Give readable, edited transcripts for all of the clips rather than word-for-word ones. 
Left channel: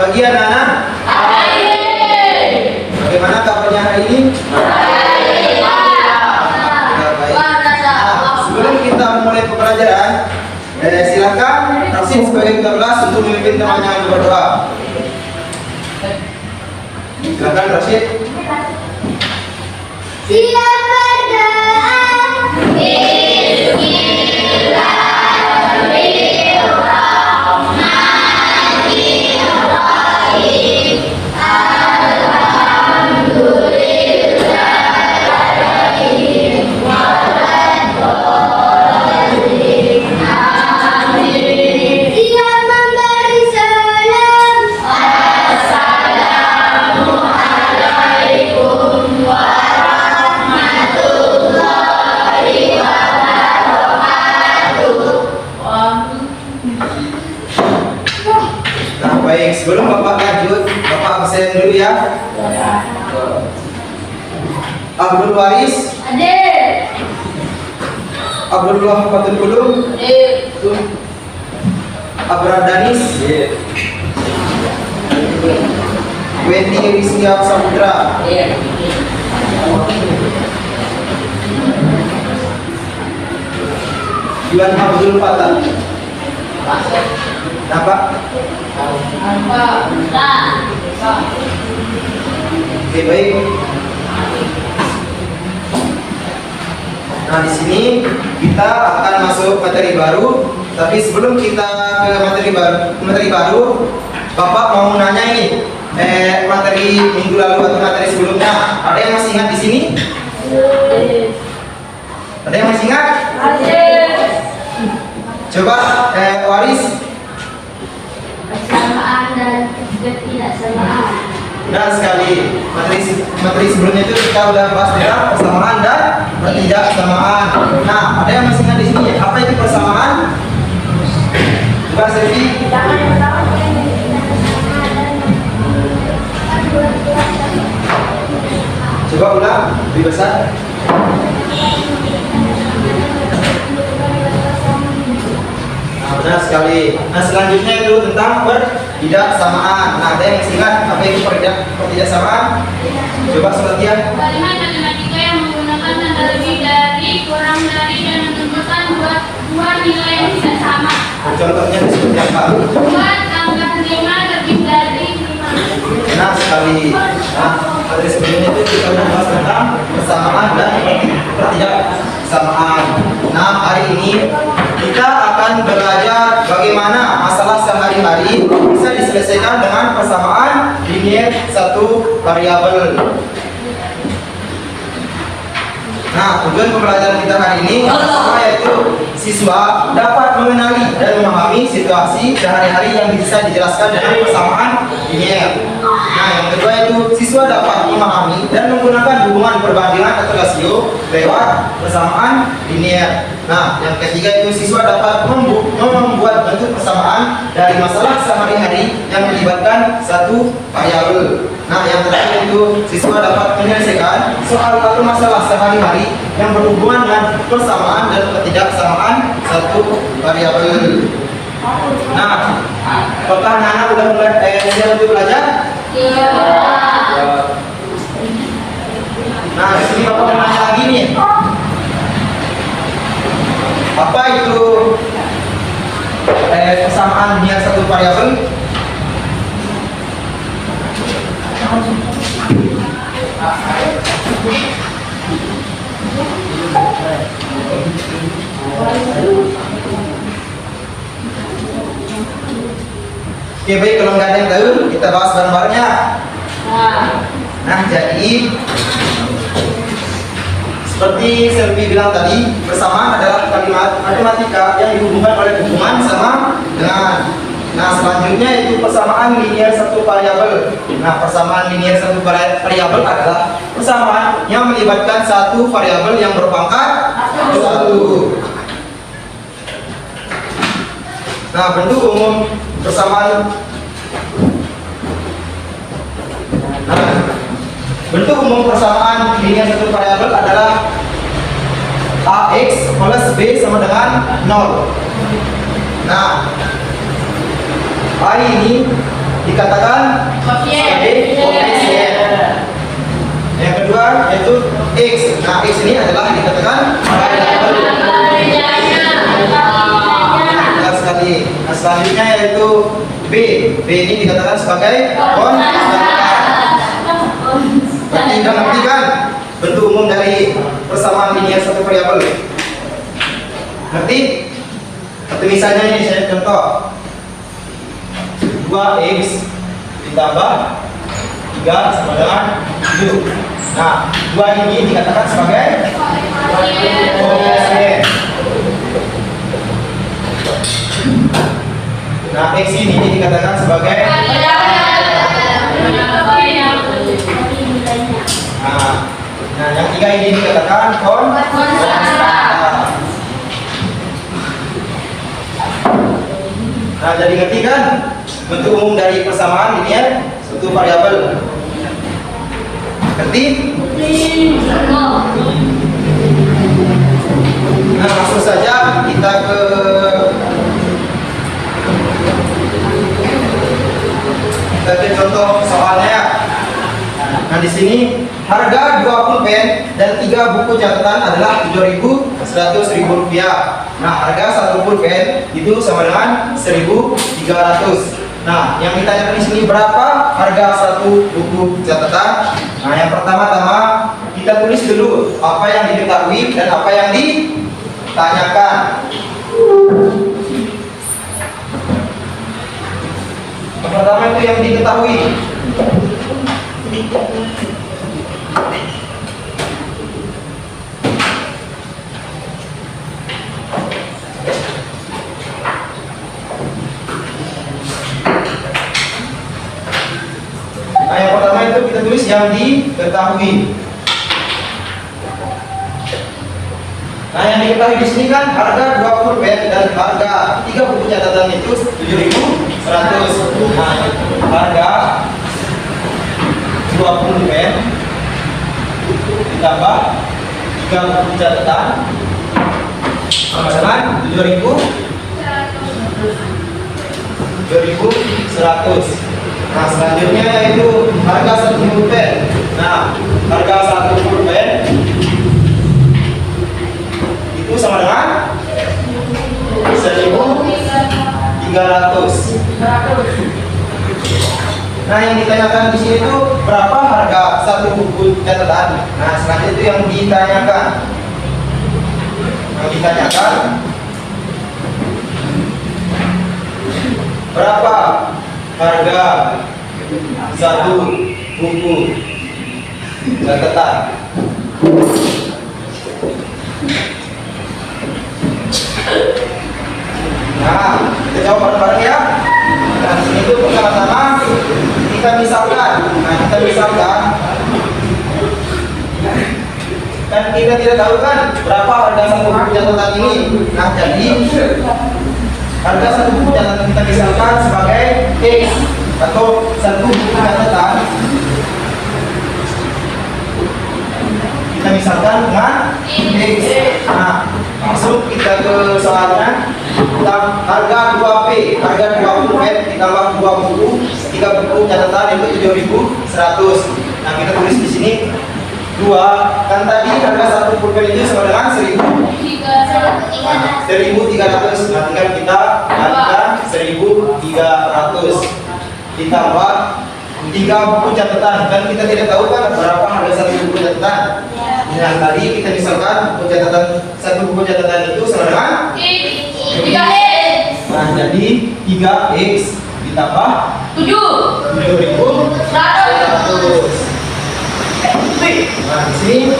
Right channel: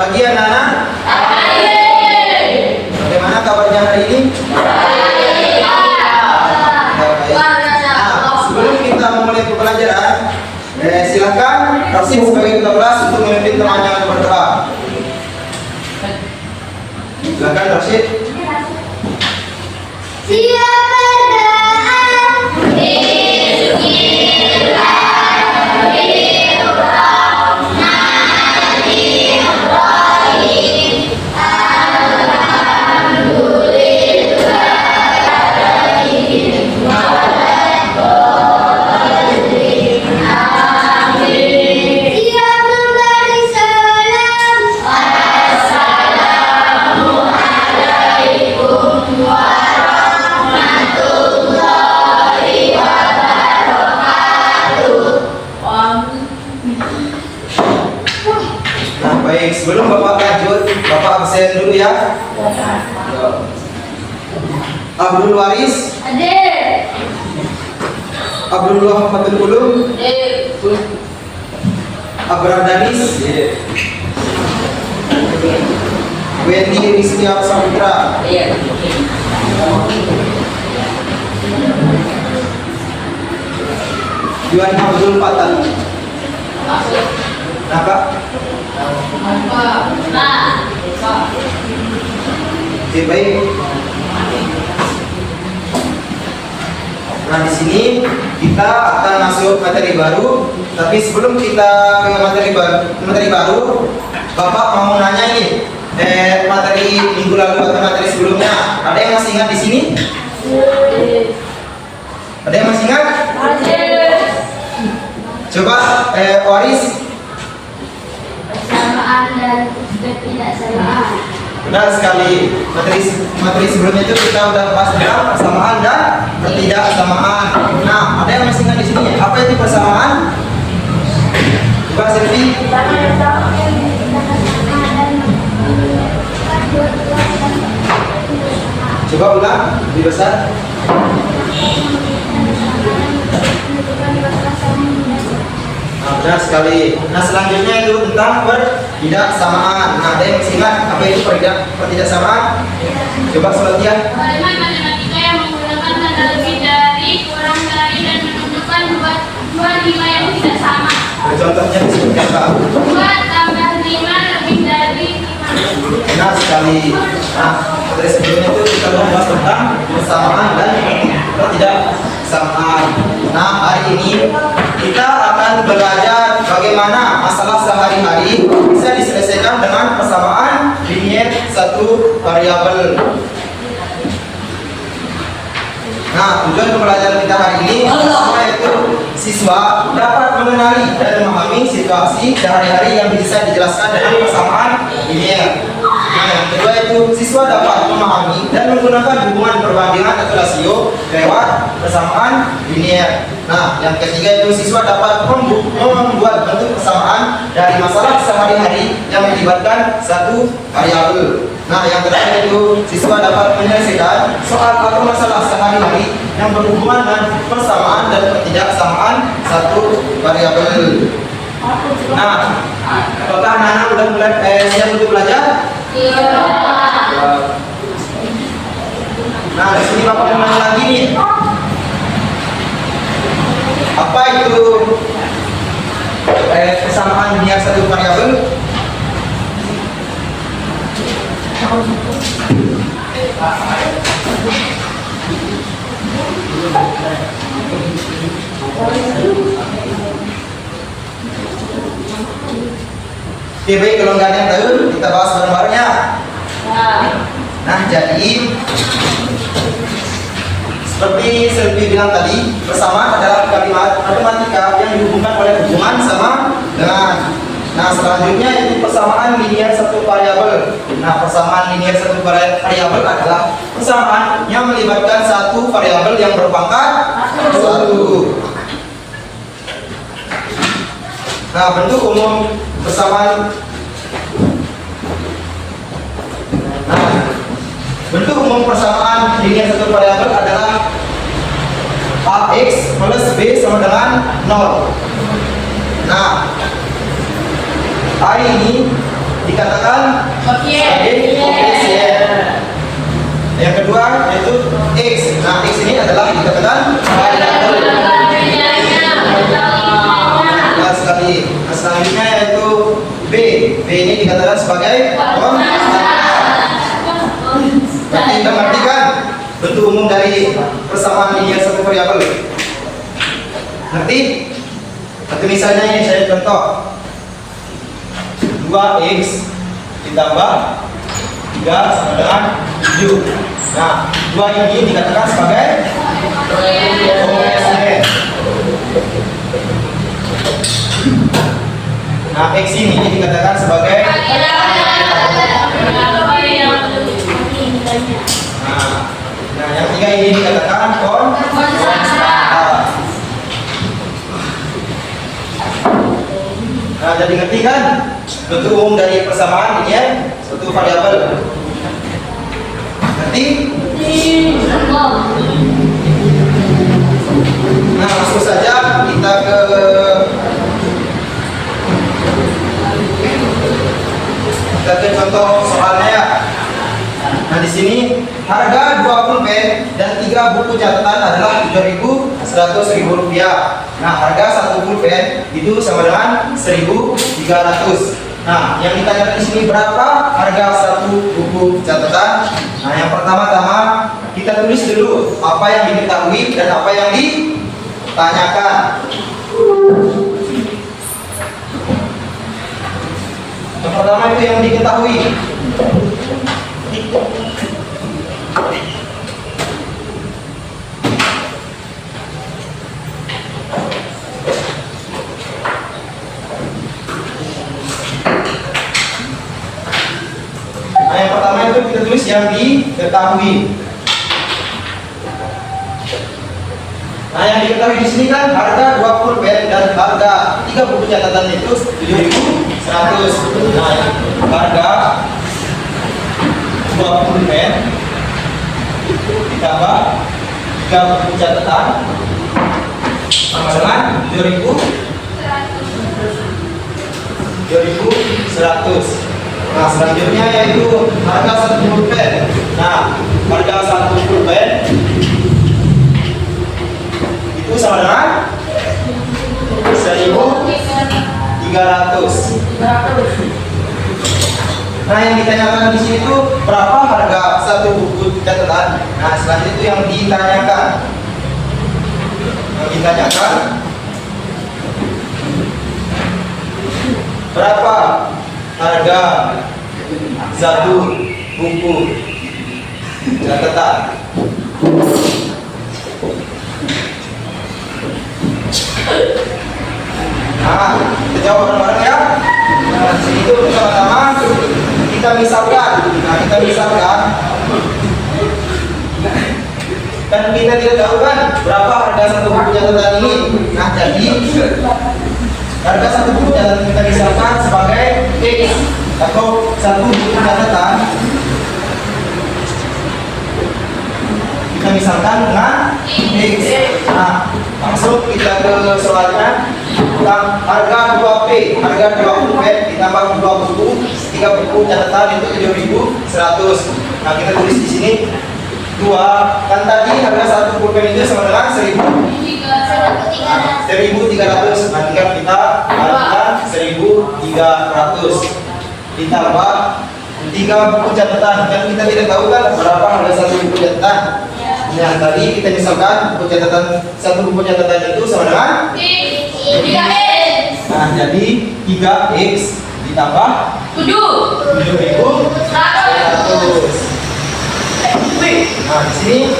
pagi anak-anak. Bagaimana kabarnya hari ini? Baik. Nah, sebelum kita memulai pembelajaran, silakan Rasim sebagai ketua kelas untuk memimpin temannya untuk berdoa. Silakan Rasim. Siap berdoa. Siap memberi salam. Assalamualaikum warahmatullahi wabarakatuh. Nah, baik, sebelum Bapak lanjut, Bapak absen dulu ya. Abdul Waris, Hadir. Abdullah Fatul Ulum, Abraham Danis, Wendy Rizkia Samudra, Yuan Abdul Fatah. Nah, Pak. Oke, baik. Nah, di sini kita akan masuk materi baru. Tapi sebelum kita ke materi baru, Bapak mau nanya ini, materi minggu lalu atau materi sebelumnya, ada yang masih ingat di sini? Ada yang masih ingat? Coba, Waris. Persamaan dan ketidaksamaan. Benar sekali. Materi sebelumnya itu kita udah bahas tentang persamaan dan ketidaksamaan. Nah, ada yang masih ingat di sini? Apa itu persamaan? Coba Selvi. Coba ulang lebih besar. Nah, benar sekali. Nah, selanjutnya itu tentang pertidaksamaan. Nah, ada yang masih ingat apa itu pertidaksamaan? Coba Solatia. Kalimat matematika yang menggunakan tanda lebih dari, kurang dari, dan menunjukkan dua nilai yang tidak sama. Contohnya seperti apa? 2 tambah 5 lebih dari 5. Benar sekali. Nah, materi sebelumnya itu kita udah bahas tentang persamaan dan ketidaksamaan. Nah, hari ini kita akan belajar bagaimana masalah sehari-hari bisa diselesaikan dengan persamaan linear satu variabel. Nah, tujuan pembelajaran kita hari ini pertama yaitu siswa dapat mengenali dan memahami situasi sehari-hari yang bisa dijelaskan dengan persamaan linear. Nah, yang kedua itu siswa dapat memahami dan menggunakan hubungan perbandingan atau rasio lewat persamaan linear. Nah, yang ketiga itu siswa dapat membuat bentuk persamaan dari masalah sehari-hari yang melibatkan satu variabel. Nah, yang terakhir itu siswa dapat menyelesaikan soal atau masalah sehari-hari yang berhubungan dengan persamaan dan ketidaksamaan satu variabel. Nah, apakah anak-anak sudah mulai siap untuk belajar? Nah, di sini Bapak mau nanya lagi nih. Apa itu persamaan linear satu variabel? Oke, baik, kalau nggak ada yang tahu, kita bahas bareng-bareng ya. Nah, jadi seperti Selvi bilang tadi, persamaan adalah kalimat matematika yang dihubungkan oleh hubungan sama dengan. Nah, selanjutnya itu persamaan linear satu variabel. Nah, persamaan linear satu variabel adalah persamaan yang melibatkan satu variabel yang berpangkat 1. Nah, bentuk umum persamaan. Nah, bentuk umum persamaan linear satu variabel adalah AX plus B sama dengan 0. Nah, A ini dikatakan sebagai koefisien. Yang kedua yaitu X. Nah, X ini adalah dikatakan variabel. Jelas sekali. Nah, selanjutnya yaitu B. B ini dikatakan sebagai konstan. Berarti kita ngerti kan bentuk umum dari persamaan linear satu variabel? Ngerti? Atau misalnya ini saya contoh 2x ditambah 3 sama dengan 7. Nah, 2 ini dikatakan sebagai koefisien. Nah, x ini dikatakan sebagai Nah, yang 3 ini dikatakan konstan. Nah, jadi ngerti kan bentuk umum dari persamaan linear suatu variabel? Ngerti? Nah, langsung saja kita ke contoh soalnya ya. Nah, di sini harga 2 pulpen dan 3 buku catatan adalah Rp7.100.000. Nah, harga 1 pulpen itu sama dengan 1.300. Nah, yang ditanyakan di sini berapa harga 1 buku catatan? Nah, yang pertama-tama kita tulis dulu apa yang diketahui dan apa yang ditanyakan. Yang pertama itu yang diketahui. Nah, yang pertama itu kita tulis yang diketahui. Nah, yang diketahui di sini kan harga 2 pulpen dan harga 3 buku catatan itu 7.100. Nah, harga 2 pulpen ditambah 3 buku catatan sama dengan 7.100. Nah, selanjutnya yaitu harga 1 pulpen. Nah, harga 1 pulpen itu sama dengan 1.300. Nah, yang ditanyakan di sini itu berapa harga 1 buku catatan. Nah, selanjutnya itu yang ditanyakan. Berapa harga 1 buku catatan. Nah, kita jawab bareng-bareng ya. Nah, di sini itu pertama-tama kita misalkan. Nah, kita misalkan dan kita tidak tahu kan berapa harga 1 buku catatan ini. Nah, jadi harga 1 buku catatan kita misalkan sebagai X atau 1 buku catatan kita misalkan dengan X. Nah, langsung kita ke soalnya tentang harga 2P, harga 2 pulpen ditambah 2 buku, 3 buku catatan itu 7.100. Nah, kita tulis di sini 2, kan tadi harga 1 pulpen itu sama dengan 1.300. Nah, tinggal kita harga 1.300 ditambah 3 buku catatan. Kan kita tidak tahu kan berapa harga 1 buku catatan. Yang tadi kita misalkan buku catatan 1 buku catatan itu sama dengan 3x. Nah, jadi 3x ditambah 7.100. Nah, di sini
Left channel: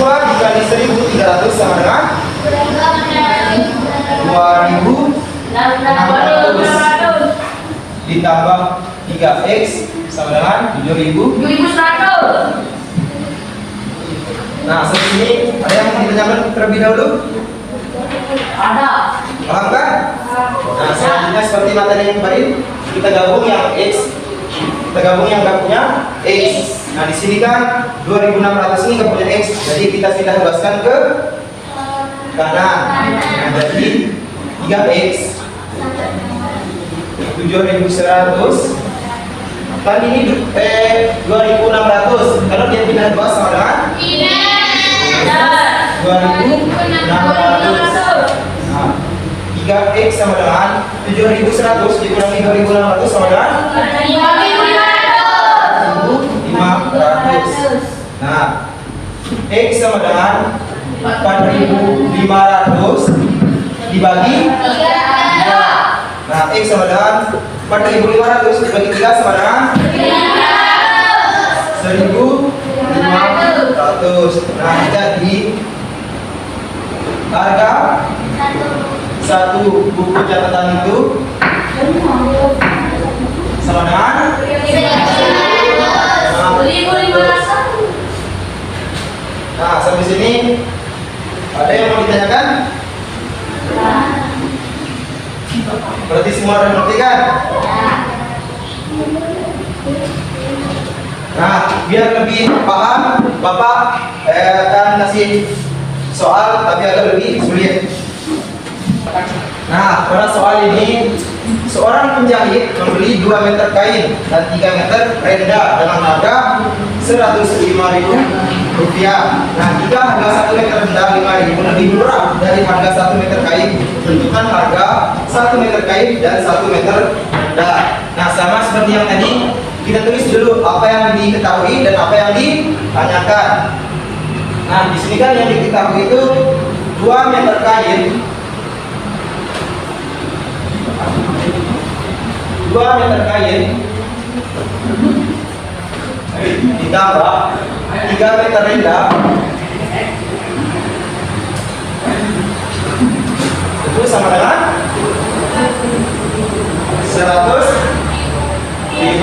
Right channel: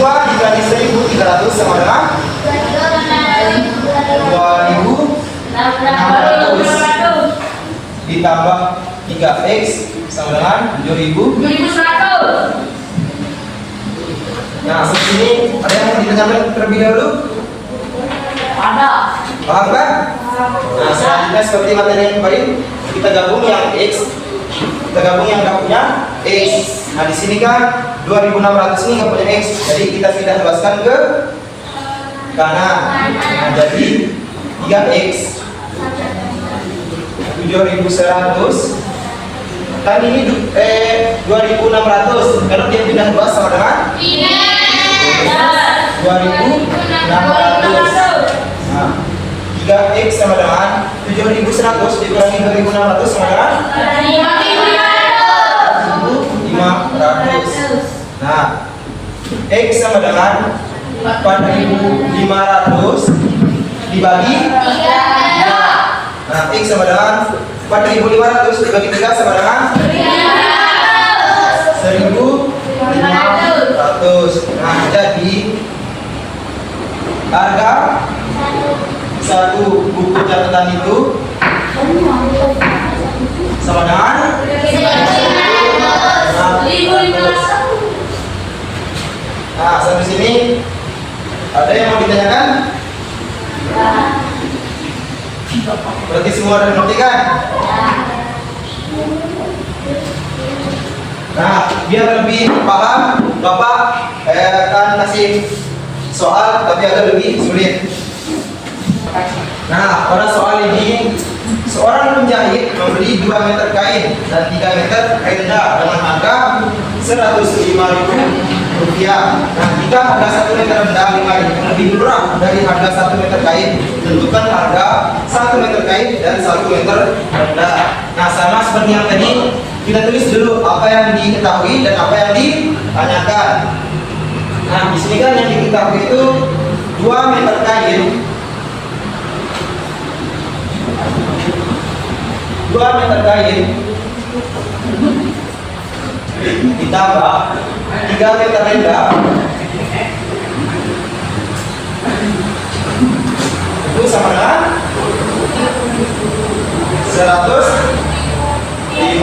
2 dikali 1.300 sama dengan 2.600 ditambah 3x sama dengan 7.100. Nah, seperti ini ada yang mau ditanyakan terlebih dahulu? Ada. Paham kan? Nah, selanjutnya seperti materi yang kemarin kita gabung yang x, kita gabung yang nggak punya x. Nah, di sini kan 2.600 ini nggak punya x, jadi kita pindah tugaskan ke kanan. Nah, jadi 3x 7.100 Kan ini 2.600. Kalau dia pindah 2 sama dengan 2.600. Nah, 3x sama dengan 7.100 dikurangi 2.600 sama dengan 1.500. Nah, x sama dengan 4.500 dibagi 3. Nah, x sama dengan 4.500 dibagi 3 sama dengan 1.500. Nah, jadi harga satu buku catatan itu sama dengan 1.500. Nah, sampai sini ada yang mau ditanyakan? Berarti semua ada ngerti kan? Nah, biar lebih paham, Bapak akan kasih soal tapi agak lebih sulit. Nah, pada soal ini seorang penjahit membeli 2 meter kain dan 3 meter renda dengan harga 105.000 rupiah. Nah, jika harga 1 meter renda 5.000 lebih murah dari harga 1 meter kain, tentukan harga 1 meter kain dan 1 meter renda. Nah, sama seperti yang tadi, kita tulis dulu apa yang diketahui dan apa yang ditanyakan. Nah, di sini kan yang diketahui itu 2 meter kain 2 meter kain ditambah 3 meter renda itu sama dengan 105.000.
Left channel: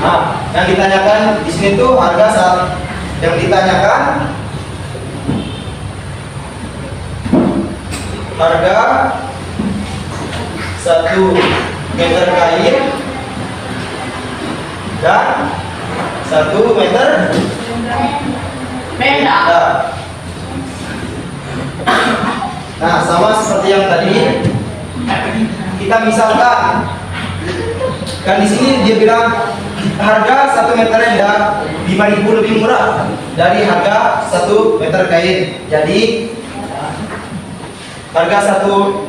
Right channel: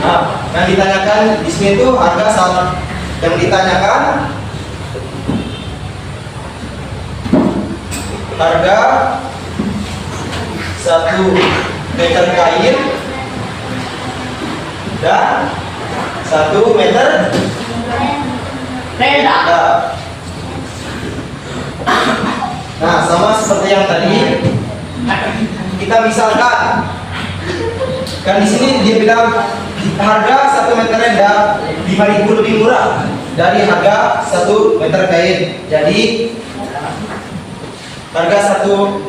Nah, yang ditanyakan di sini tuh harga saat yang ditanyakan harga 1 meter kain dan 1 meter renda. Nah, sama seperti yang tadi, kita misalkan kan di sini dia bilang harga 1 meter renda 5.000 lebih murah dari harga 1 meter kain. Jadi harga 1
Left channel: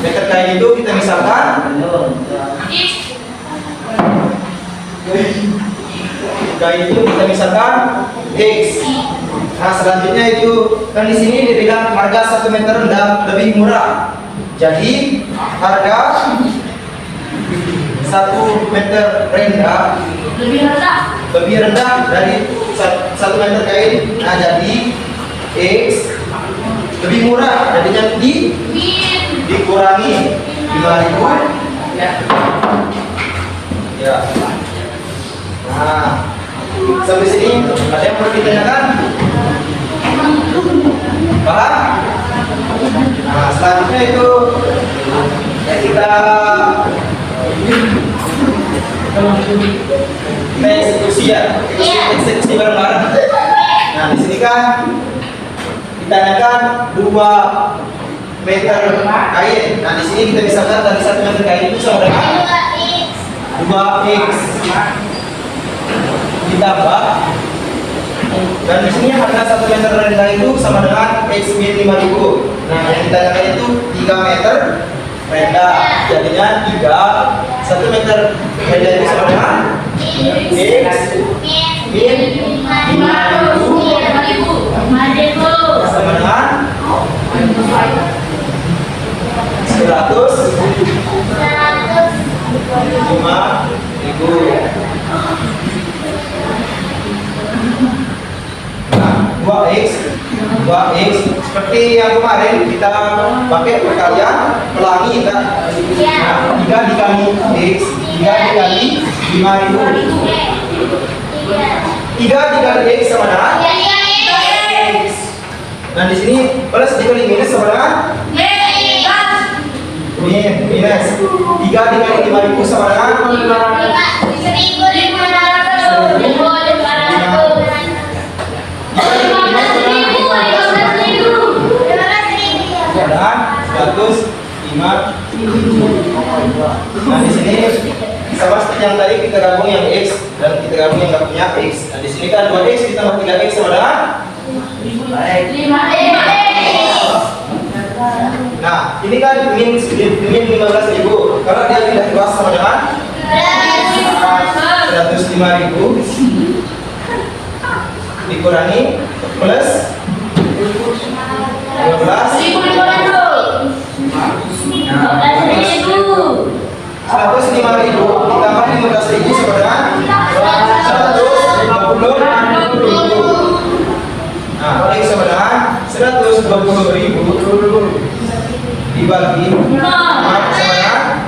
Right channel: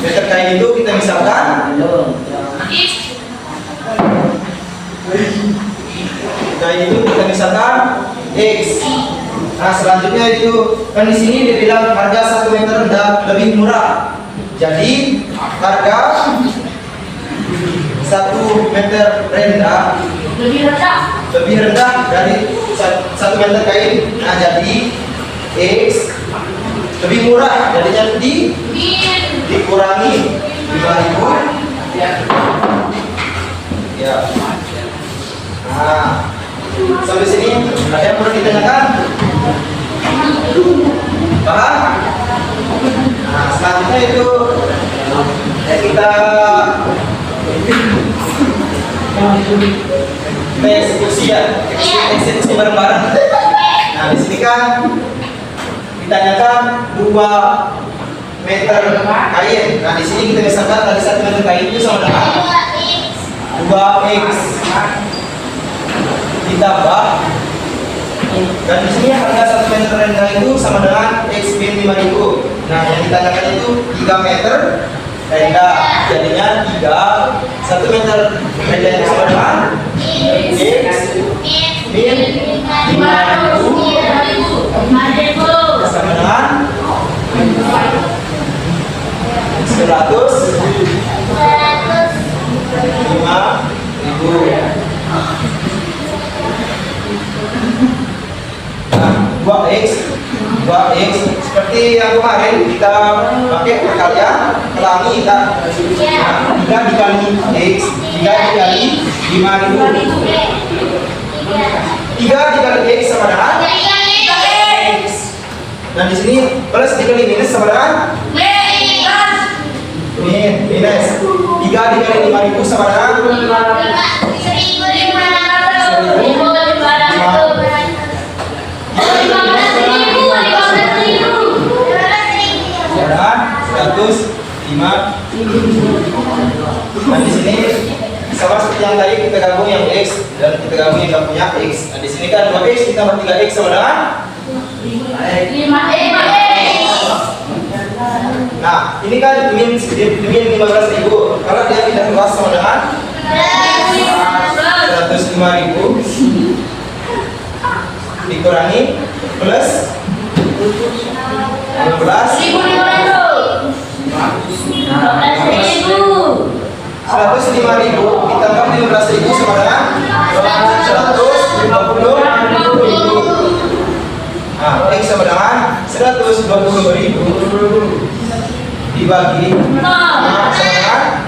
meter kain itu kita misalkan kain itu kita misalkan X. Nah, selanjutnya itu kan di sini dia bilang harga 1 meter renda lebih murah. Jadi harga 1 meter renda lebih rendah dari 1 meter kain. Nah, jadi X lebih murah, jadinya dikurangi 5.000. Ya. Nah, sampai sini ada yang perlu ditanyakan? Paham? Nah, selanjutnya itu ya kita eksekusi ya, eksekusi bareng-bareng. Nah, di sini kan ditanyakan 2 meter kain. Nah, di sini kita misalkan tadi 1 meter kain itu sama dengan 2x ditambah, dan di sini harga 1 meter renda itu sama dengan x min 5.000. Nah, yang ditanyakan itu 3 meter renda, jadinya 1 meter renda itu sama dengan x min 5.000 sama dengan 105.000. Nah, 2x seperti yang kemarin kita pakai perkalian pelangi kan. Nah, 3 dikali x, 3 dikali 5.000. 3 dikali x sama dengan x. Nah, di sini plus dikali minus sama dengan minus. 3 dikali 5.000 sama dengan 105.000. Nah di sini sama seperti yang tadi kita gabung yang X dan kita gabung yang nggak punya X. Nah di sini kan 2X ditambah 3X sama dengan 5X. nah ini kan min 15.000. Kalau dia tidak luas sama dengan 105.000 dikurangi plus 15. 105.000 ditambah 15.000 sama dengan 120.000. Nah, X sama dengan 120.000 dibagi 5 sama dengan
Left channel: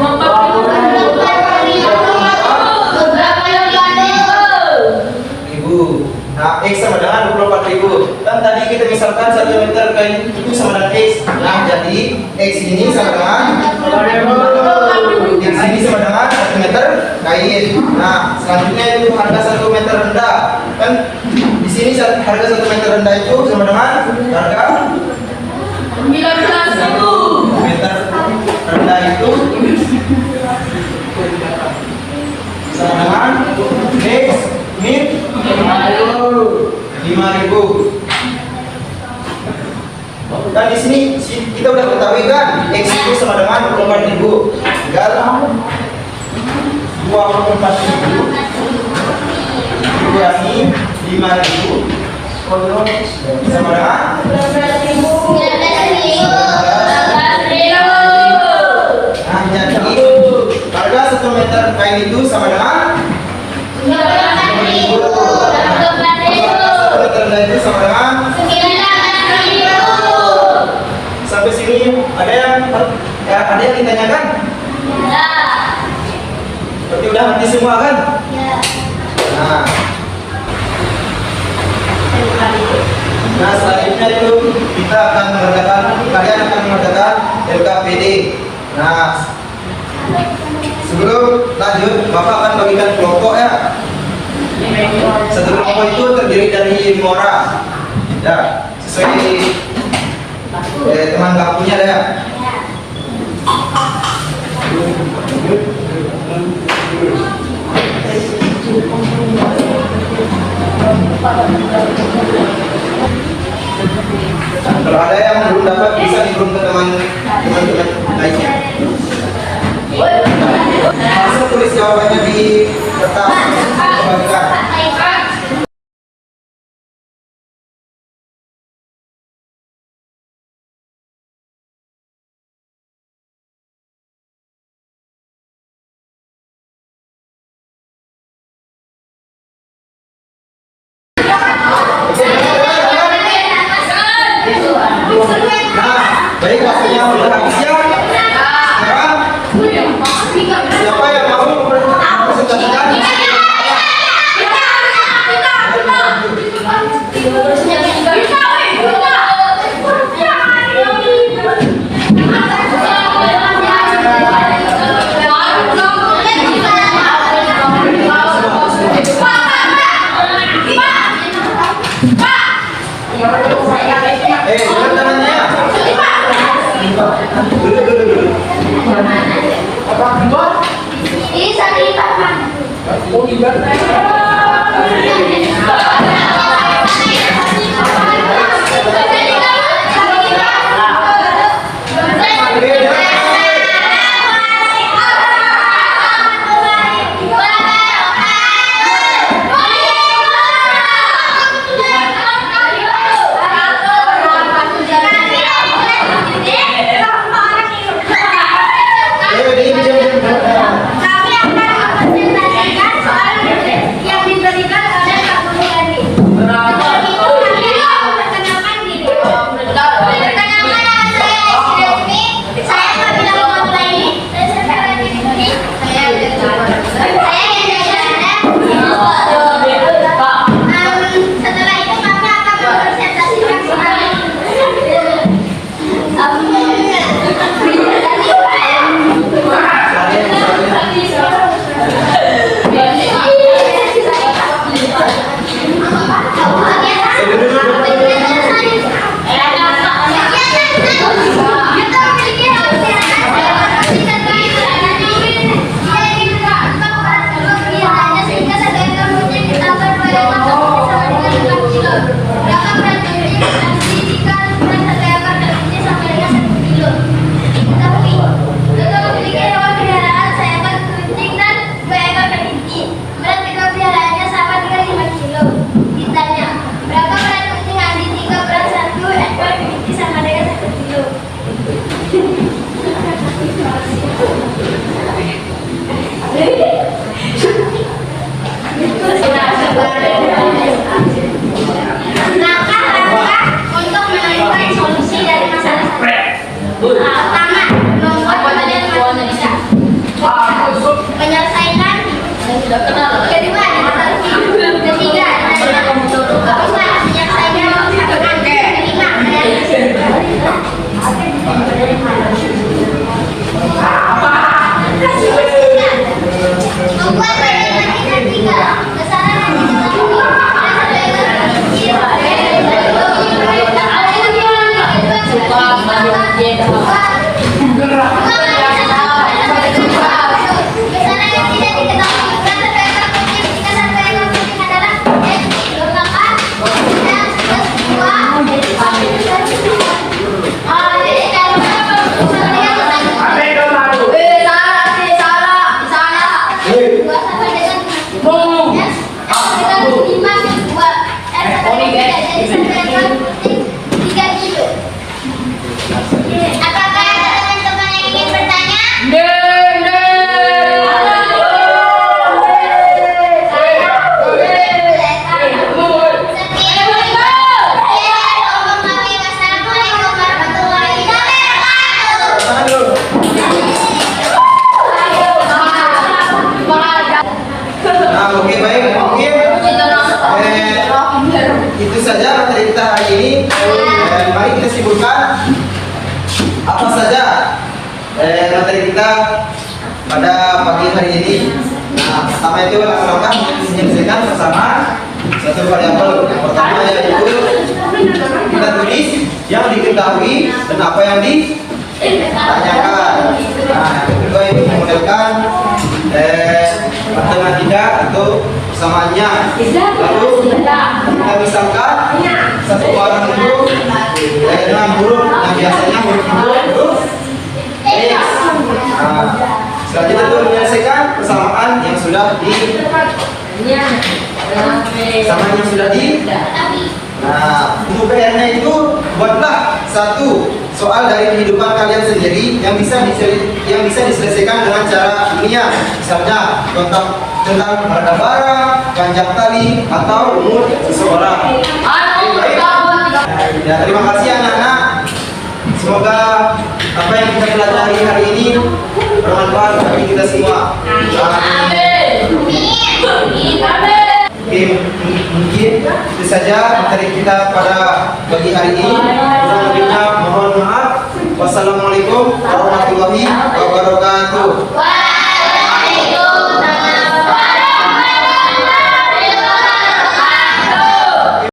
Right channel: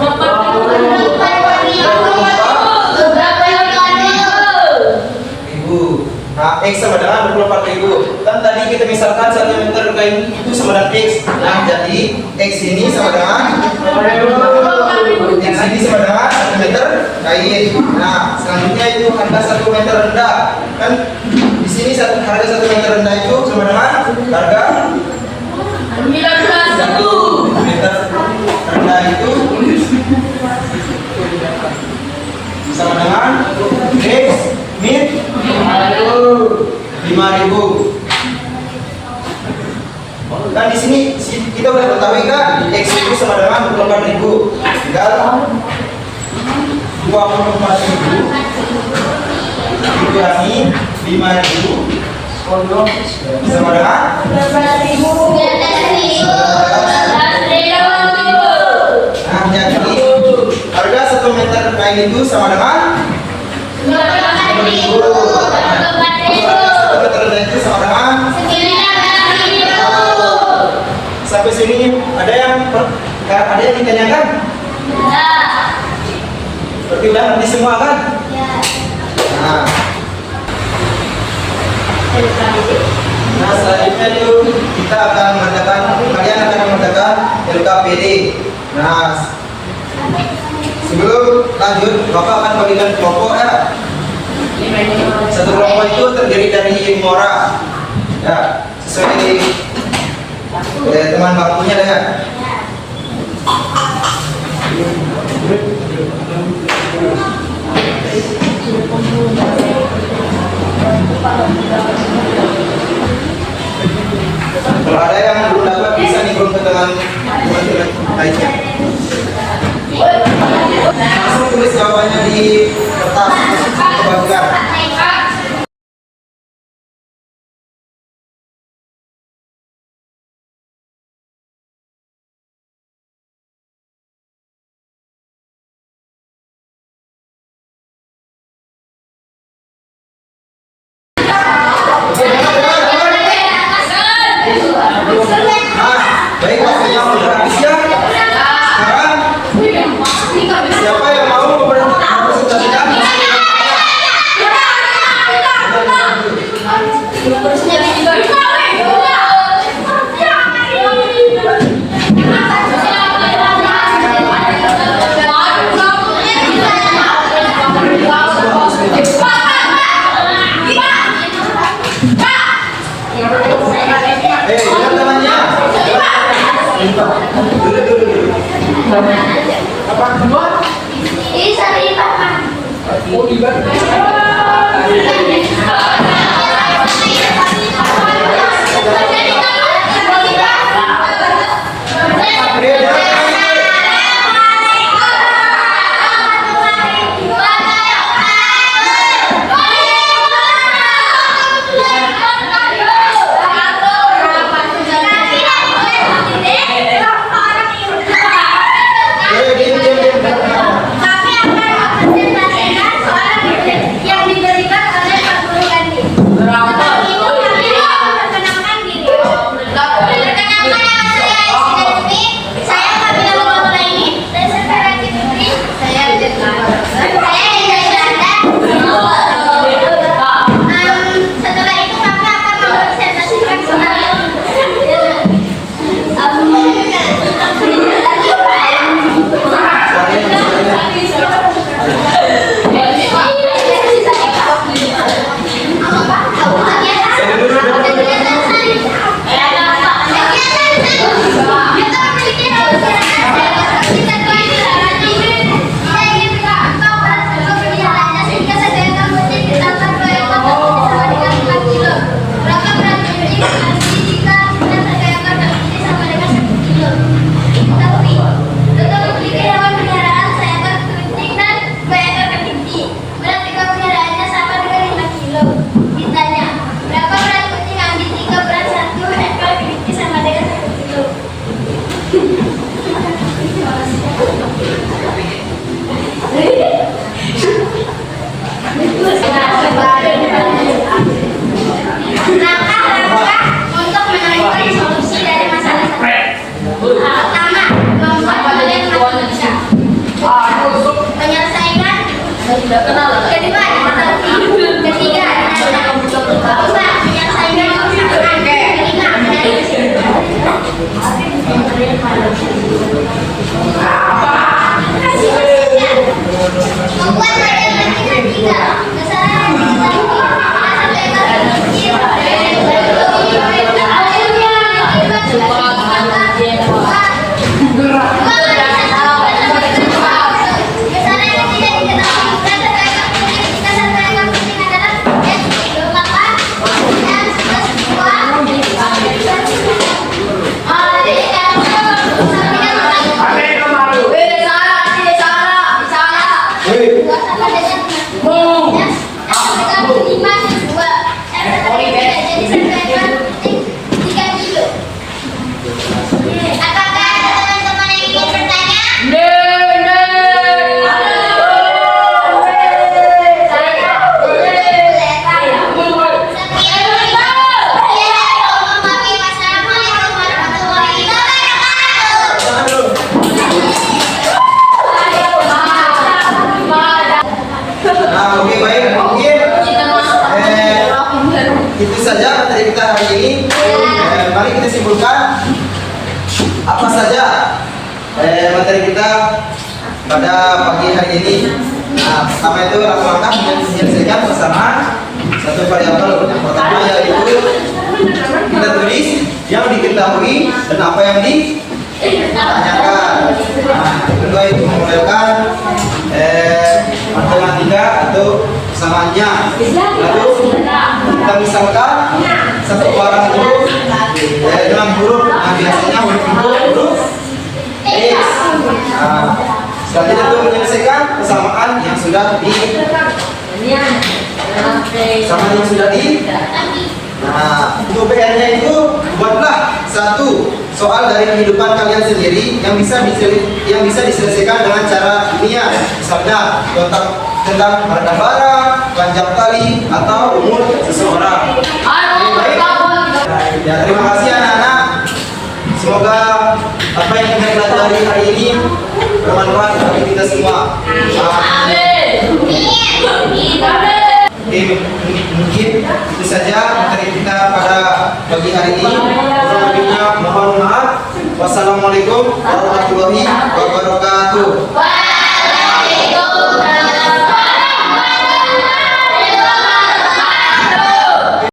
24.000. Nah, X sama dengan 24.000. Dan tadi kita misalkan 1 meter kain itu sama dengan X. Nah, jadi X ini sama dengan X ini sama dengan 1 meter kain. Nah, selanjutnya itu harga 1 meter rendah. Kan di sini harga 1 meter rendah itu sama dengan harga 1 meter rendah itu sama dengan X min 5.000. Dan di sini kita udah ketahui kan X itu sama dengan 24.000. Tinggal 24.000 dikurangi 5.000 sama dengan 12.000. nah jadi harga 1 meter kain itu sama dengan 1 meter rendah itu sama dengan. Sampai sini ada yang ditanyakan? Berarti udah nanti semua kan? Nah selanjutnya itu kita akan kalian akan mengatakan LKPD. Nah sebelum lanjut Bapak akan bagikan kelompok ya. Satu kelompok itu terdiri dari 5 orang. Ya, sesuai teman kampungnya ya. Kalau ada yang belum dapat bisa dikirim ke teman-teman lainnya. Langsung tulis jawabannya di kertas kebagian. Nah, baik waktunya sudah habis ya. Sekarang siapa yang mau mempresentasikan? Jangan tangannya. Dulu. Ini sari Pak. Kami akan mempresentasikan soal yang diberikan oleh Pak Guru tadi. saja materi kita hari ini. Mari kita simpulkan apa saja materi kita pada pagi hari ini. Nah, pertama itu langkah-langkah menyelesaikan persamaan satu variabel. Yang pertama yaitu kita tulis yang diketahui dan apa yang ditanyakan. Nah, yang kedua itu memodelkan matematika atau persamaannya. Lalu kita misalkan satu orang itu dengan huruf yang biasanya huruf X. Nah, selanjutnya itu menyelesaikan persamaan yang sudah Nah, untuk PR-nya itu buatlah satu soal dari kehidupan kalian sendiri yang bisa diselesaikan dengan cara ilmiah. Misalnya tentang harga barang, panjang tali, atau umur seseorang. Baik. Ya, terima kasih anak-anak. Semoga apa yang kita pelajari hari ini bermanfaat bagi kita semua. Oke, mungkin itu saja materi kita pada pagi hari ini. Kurang lebihnya mohon maaf. Wassalamualaikum warahmatullahi wabarakatuh. Waalaikumsalam.